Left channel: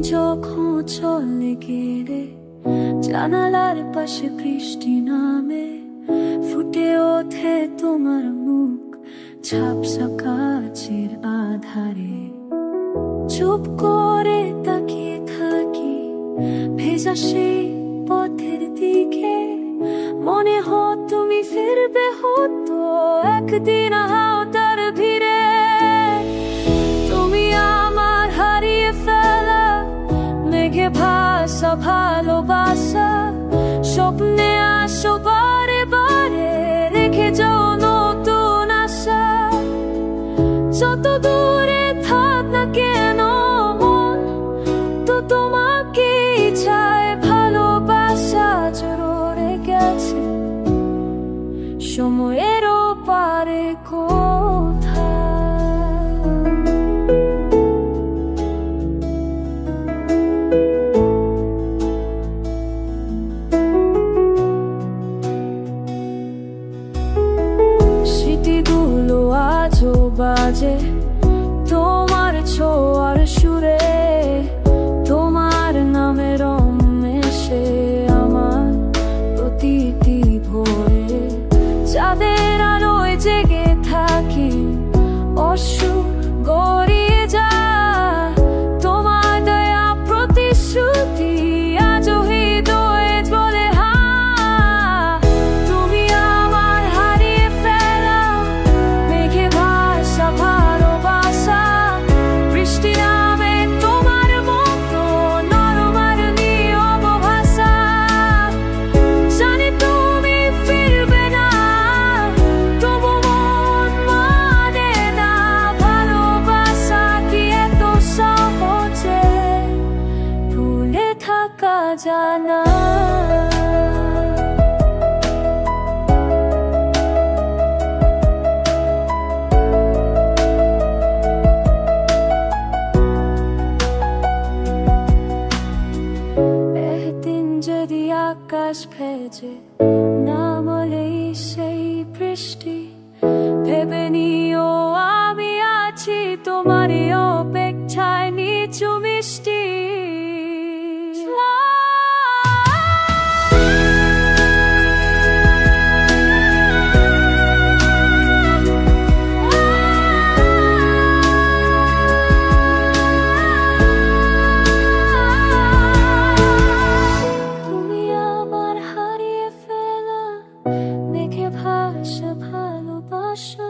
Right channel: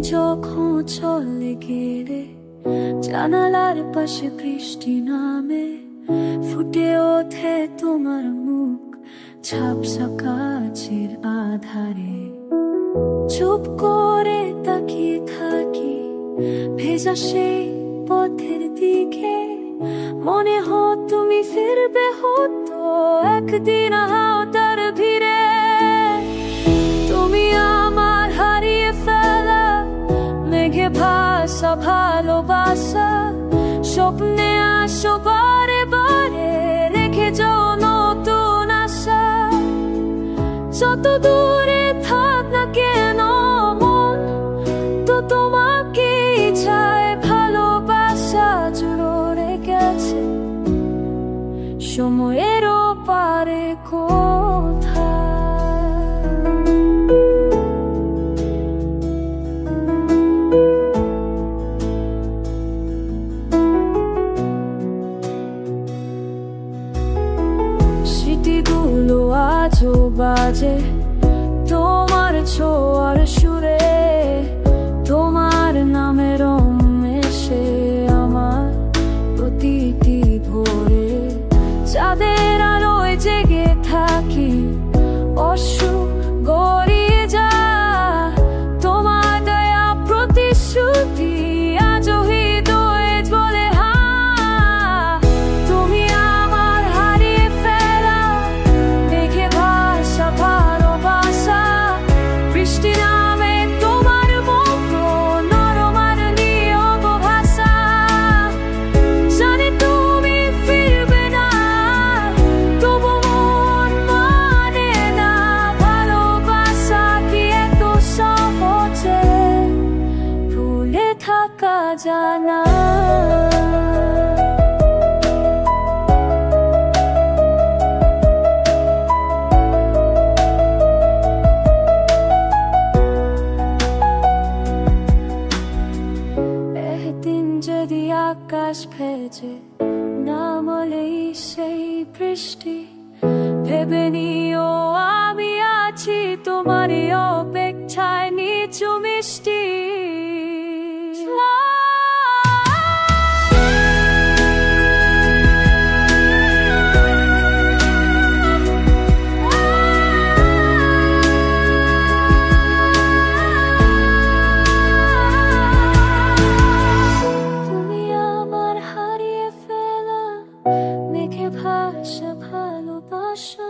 যখন চলে গেলে জানালার পাশে বৃষ্টি নামে, ফুটে ওঠে তোমার মুখ ঝাপসা কাচের আধারে। চুপ করে তাকিয়ে থাকি ভেজা সেই পথের দিকে, মনে হয় তুমি ফিরবে হতো একদিন হাওয়ার ভিড়ে। তুমি আমার হারিয়ে ফেলা মেঘে ভাসা ভালোবাসা, স্বপ্নে আসো বারে বারে, রেখে যাও নতুন আশা। যত দূরে থাক না কেন মন তো তোমাকে চায়, ভালোবাসা জোরে গেছে সময়েরও পারে কোথায়। স্মৃতিগুলো আজও বাজে তোমার ছোঁয়ার সুরে, তোমার নামের মেশে আমার প্রতিটি ভোরে। চাঁদের আলোয় জেগে থাকি অশ্রু গড়িয়ে যা, তোমার দয়া প্রতিশ্রুতি আজও হৃদয়ে জ্বলে হা। তুমি আমার হারিয়ে ফেলা মেঘে ভাসা ভালোবাসা, বৃষ্টি নামে তোমার মতো নরম আর নীরব ভাষা। জানি তুমি ফিরবে না, তবু মন মানে না, ভালোবাসা কি এত সহজে ভুলে থাকা জানা। একদিন যদি আকাশ ভেজে নামলেই সেই বৃষ্টি, ভেবে নিও আমি আছি তোমারই অপেক্ষায় নিচু মিষ্টি। মেঘে ভাসা ভালোবাসা,